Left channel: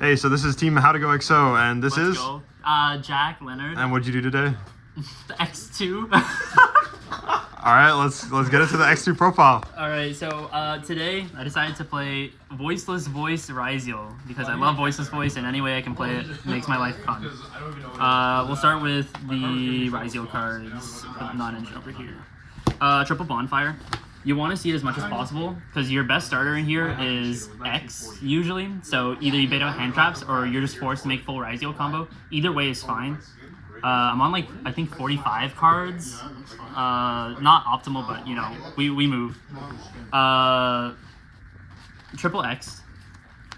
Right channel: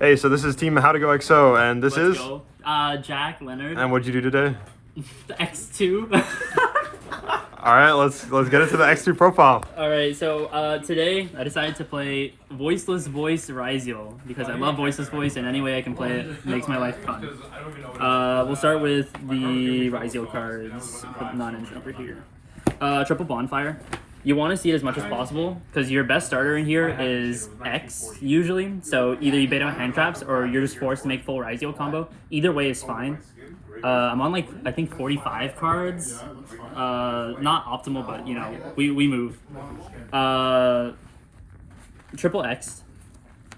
Hey, so this is Team How to Go XO, and this Let's is. go. Jack Leonard. And what'd you do today? The X2. All right, let's get into the X2 profile. All right, so today I decided to play Voiceless Voice Ryzeal because I love Voiceless Voice, and any way I can play it makes my life fun. We'll start with the Ryzeal cards. Put non-engine over here. Triple Bonfire. You want to see it as much as possible because your best starter in here is X usually. So either you bait out hand traps or you're just forced to make full Ryzeal combo. Either way is fine. I'm on I think 45 cards. Not optimal, but you know, we move. Triple X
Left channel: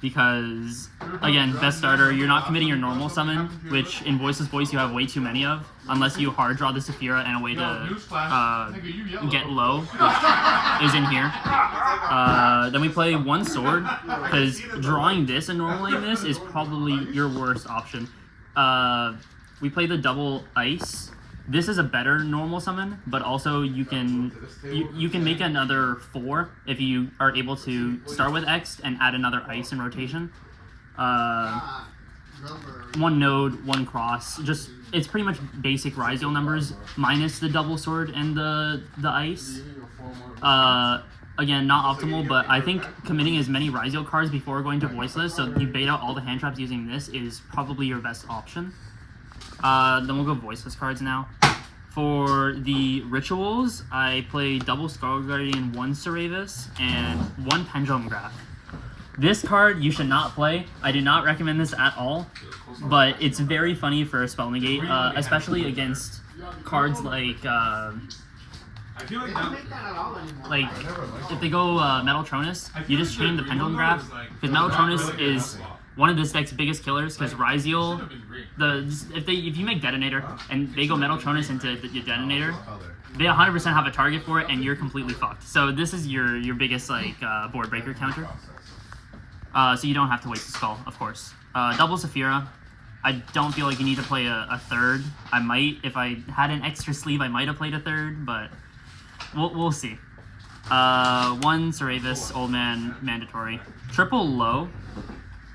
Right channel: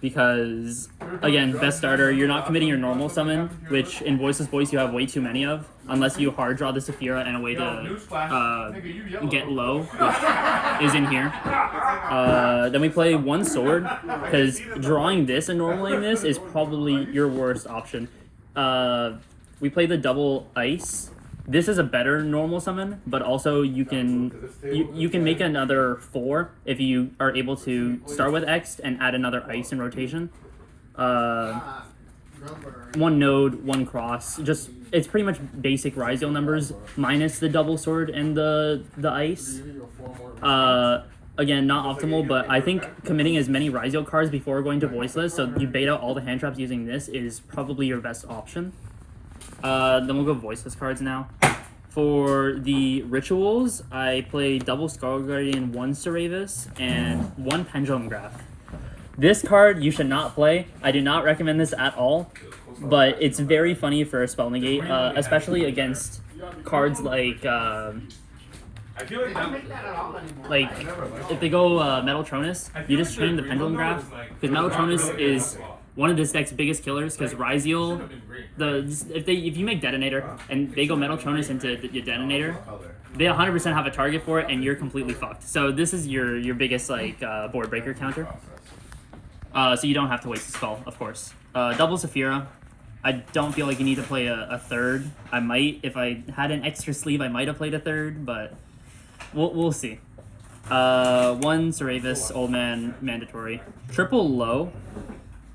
because again, best starter, you're not committing your normal summon, which in Voiceless Voice you have way too many of, unless you hard draw the Saphira and a way to get low, which is in here. Then we play one sword, because drawing this and normaling this is probably your worst option. We play the double ice. This is a better normal summon, but also you can make another 4 if you are able to start with X and add another ice in rotation. One node, one cross. Just it's pretty much basic Ryzeal numbers minus the double sword and the ice. Again, not optimal, but I think committing as many Ryzeal cards before going to Voiceless, so you bait out all the hand traps using this, is probably your best option. Then we'll go Voiceless cards now. For the rituals, I play double Skull Guardian, one Ceravis, and one Pendulum Graph. This card you should not play. I do not recommend this at all, but it's very funny for a spell negate, especially against cards like if they go Metaltronus, you just chain the Pendulum Graph, because Metaltronus is one of this deck's biggest killers, because Ryzeal, if you make Detonator and they go Metaltronus into your Detonator, they 100% have a target for it and you're completely fucked. So this is your biggest board breaker counter. So you don't have to waste a spell, of course. Double Saphira. I don't feel like you need to play a third. I might, if I had an extra sleeve, I might have played a third, but we'll see. One Ceravis, Old Man, mandatory. Triple Low.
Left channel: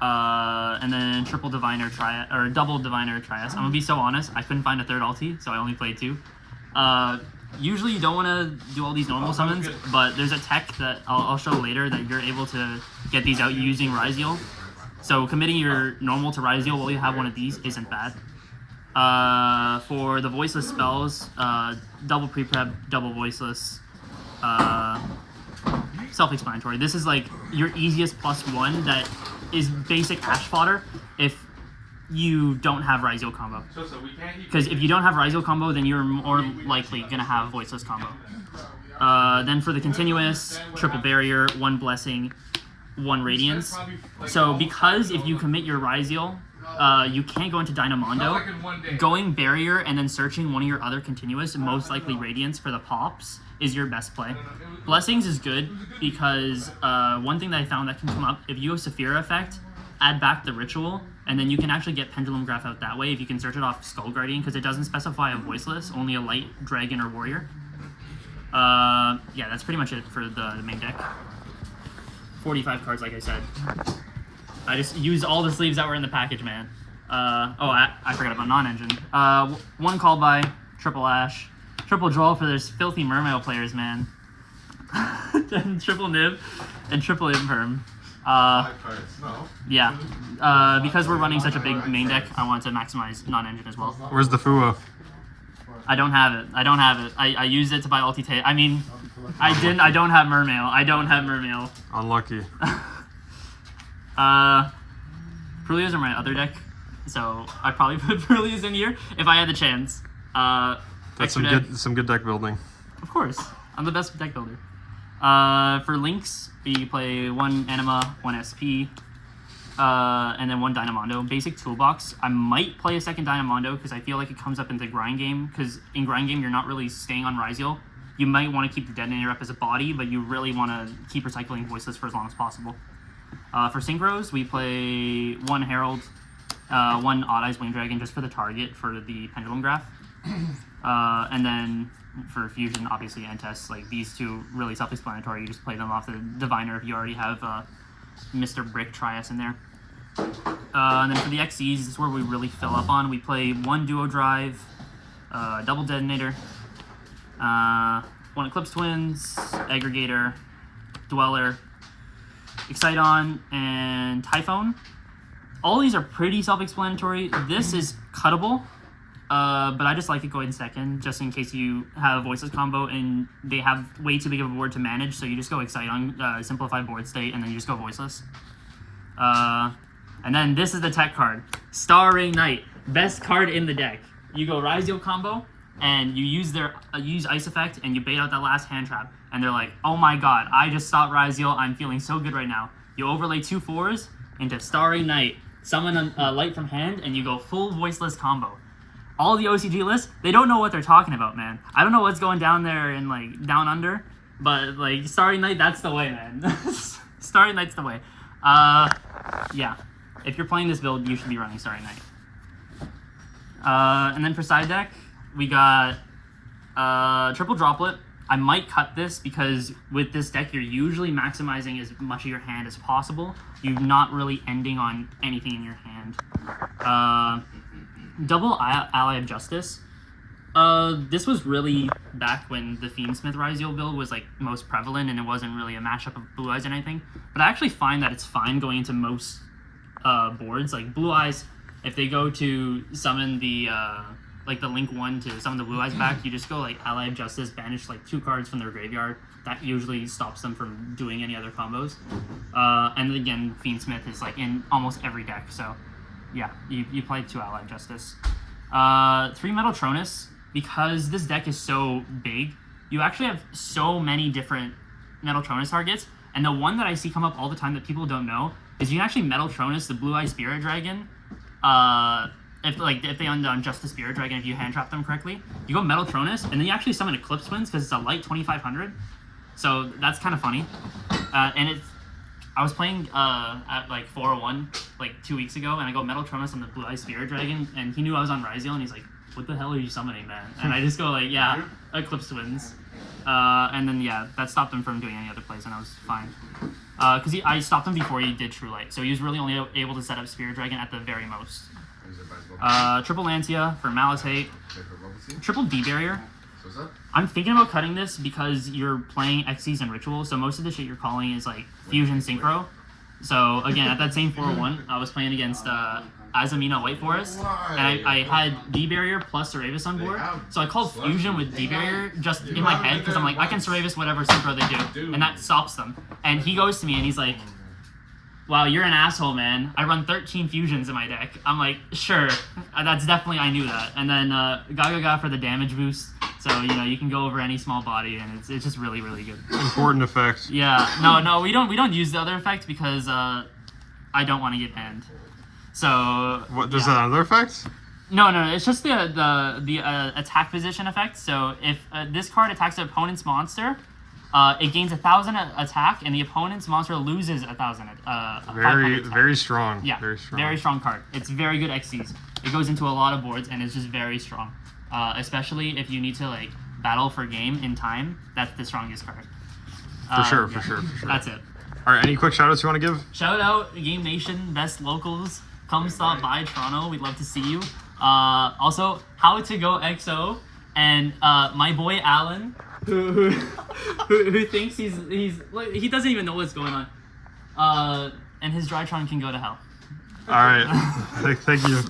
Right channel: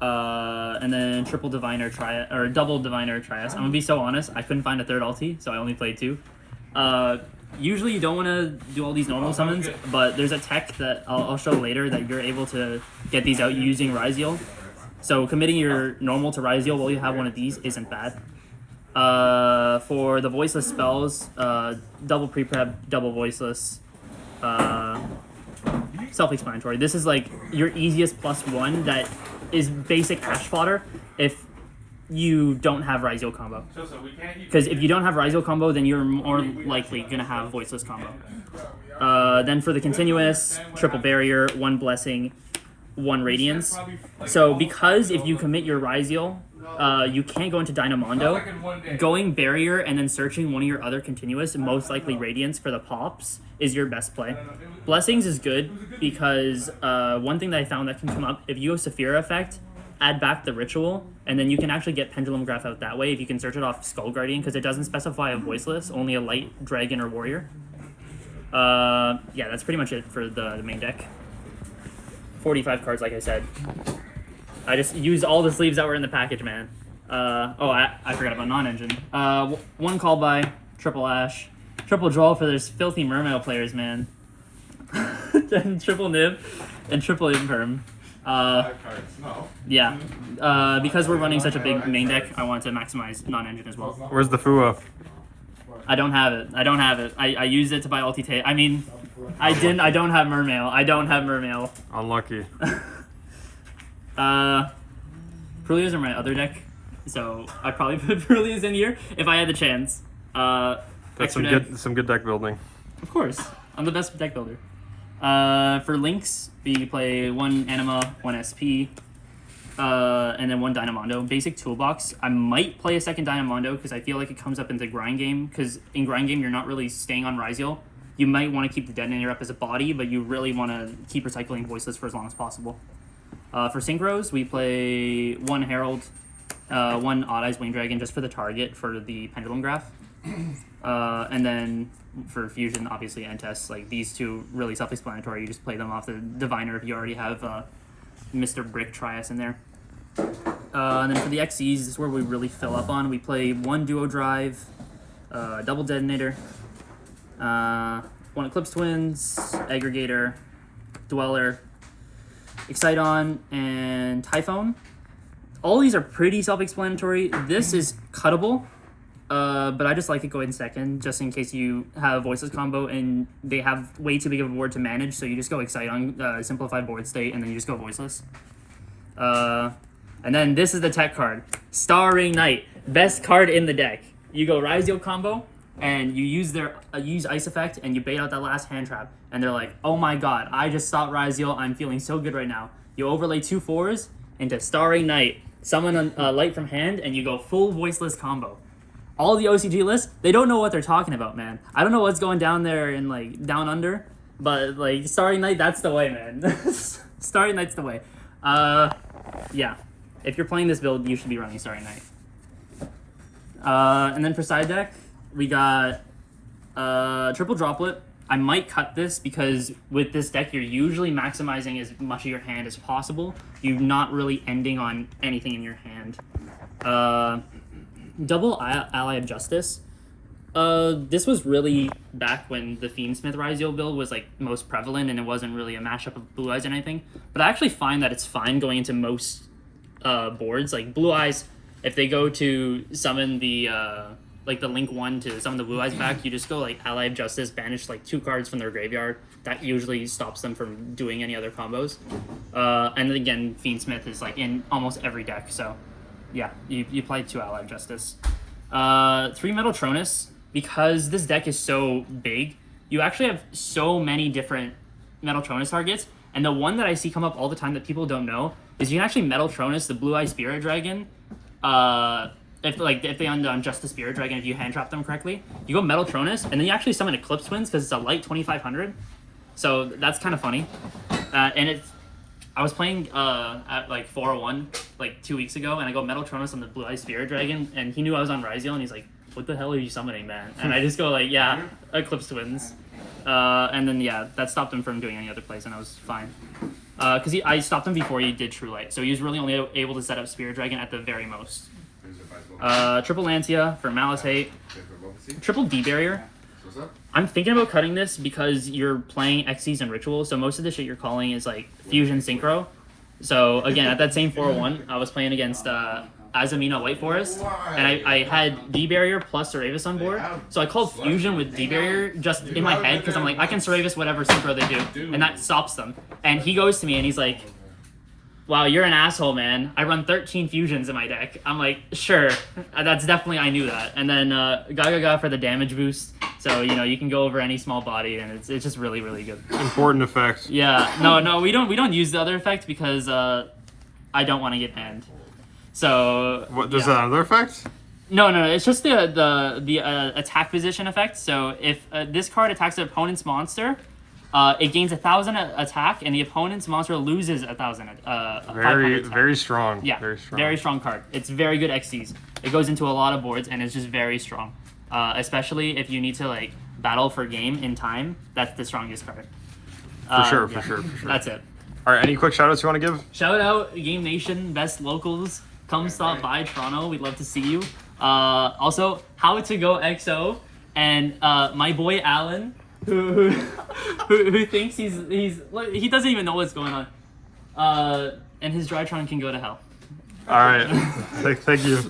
And then triple Diviner Trias, or double Diviner Trias. I'm gonna be so honest, I couldn't find a third ulti, so I only played 2. Usually you don't want to do all these normal summons, but there's a tech that I'll show later that you're able to get these out using Ryzeal. So committing your normal to Ryzeal while you have one of these isn't bad. For the Voiceless spells, double Pre-Prep, double Voiceless. Self-explanatory. This is like your easiest +1 that is basic Ash fodder if you don't have Ryzeal combo. Because if you don't have Ryzeal combo, then you're more likely going to have Voiceless combo. Then for the continuous, triple barrier, one blessing, one radiance. So because if you commit your Ryzeal, you can't go into Dynamondo. Going barrier and then searching one of your other continuous, most likely radiance for the pops, is your best play. Blessings is good because one thing that I found that can come up, if you go Saphira effect, add back the ritual, and then you can actually get Pendulum Graph out that way if you can search it off Skull Guardian, because it doesn't specify a Voiceless, only a light dragon or warrior. Yeah, that's pretty much it for the main deck. 45 cards, like I said. I just used all the sleeves that were in the package, man. I forgot about non-engine. One call by, triple Ash, triple draw for those filthy Mermail players, man. Then triple Nib and triple Imperm. Yeah. Because we're running such a big main deck, I wanted to maximize non-engine as well. Where's the Fua? I don't have it. I used it to buy ulti tape. I mean, I don't have Mermail. Unlucky. Purlias are my other deck, so I'd probably put Purlias in here if I had the chance. That's some good deck building. Of course, I'm the best deck builder. For links, we play one Anima, one SP, and then one Dynamondo. Basic toolbox. I might play a second Dynamondo because I feel like it comes up into grind game, because in grind game you're not really staying on Ryzeal. You might want to keep the Detonator up as a body, but you really want to keep recycling Voiceless for as long as possible. For synchros, we play one Herald, one Odd Eyes Winged Dragon just for the target for the Pendulum Graph. And then for fusion, obviously, and tests, like these two really self-explanatory. You just play them off the Diviner if you already have Mr. Brick Trias in there. And then for the XCs, this is where we really fill up on. We play 1 Duo Drive, double Detonator, 1 Eclipse Twins, Aggregator, Dweller, Excite-On, and Typhone. All these are pretty self-explanatory. This is cuttable, but I just like to go in second, just in case you have Voiceless combo and they have way too big of a board to manage, so you just go Excite-On, simplified board state, and then you just go Voiceless. And then this is the tech card. Starring Knight. Best card in the deck. You go Ryzeal combo, and you use their use Ice Effect, and you bait out that last hand trap. And they're like, oh my god, I just stopped Ryzeal. I'm feeling so good right now. You overlay 2 4s into Starring Knight. Summon a light from hand, and you go full Voiceless combo. All the OCG lists, they don't know what they're talking about, man. I don't know what's going down there and like down under, but like Starring Knight, that's the way, man. Starring Knight's the way. Yeah. If you're playing this build, you should be running Starry Knight. And then for side deck, we got Triple Droplet. I might cut this because with this deck, you're usually maximizing as much of your hand as possible. You're not really ending on anything in your hand. Double Ally of Justice. This was really back when the Fiendsmith Ryzeal build was like most prevalent and it wasn't really a mashup of Blue Eyes or anything. But I actually find that it's fine going into most boards. Like Blue Eyes, if they go to summon the like the Link 1 to summon the Blue Eyes back, you just go like Ally of Justice, banish like 2 cards from their graveyard. That usually stops them from doing any other combos. And then again, Fiendsmith is like in almost every deck, so yeah, you play 2 Ally of Justice. 3 Metaltronus, because this deck is so big, you actually have so many different Metaltronus targets, and the one that I see come up all the time that people don't know is you can actually Metaltronus the Blue Eye Spirit Dragon. If they on just the Spirit Dragon, if you hand trap them correctly, you go Metaltronus, and then you actually summon Eclipse Twins because it's a light 2500. So that's kind of funny. And I was playing at like 401 like 2 weeks ago, and I go Metaltronus on the Blue Eye Spirit Dragon, and he knew I was on Ryzeal, and he's like, "What the hell are you summoning, man?" And I just go like, "Yeah, Eclipse Twins." And then yeah, that stopped him from doing any other plays, and I was fine. Because I stopped him before he did True Light, so he was really only able to set up Spirit Dragon at the very most. Triple Lancia for Malice Hate. Triple D-Barrier. I'm thinking about cutting this because you're playing Xyz and Ritual, so most of the shit you're calling is like Fusion Synchro. So again, at that same 401, I was playing against Azamina White Forest, and I had D-Barrier plus Seravis on board, so I called Fusion with D-Barrier just in my head because I'm like, I can Seravis whatever Synchro they do, and that stops them. And he goes to me and he's like, "Wow, you're an asshole, man. I run 13 fusions in my deck." I'm like, "Sure, that's definitely, I knew that." And then Gaga for the damage boost. So, you know, you can go over any small body, and it's just really, really good. Important effect. Yeah, no, we don't use the other effect because I don't want to get banned. So What, there's another effect? No, it's just the attack position effect. So if this card attacks the opponent's monster, it gains 1,000 attack, and the opponent's monster loses 1,000. Very strong. Yeah, very strong card. It's very good XCs. It goes into a lot of boards, and it's just very strong. Especially if you need to like battle for game in time, that's the strongest card. For sure. That's it. All right, any quick shout-outs you want to give? Shout out Game Nation, best locals. Come stop by Toronto. We'd love to see you. Also, How to Go XO and my boy Alan, who thinks he's like, he doesn't even know what's going on. And his Drytron can go to hell. All right. Thank you.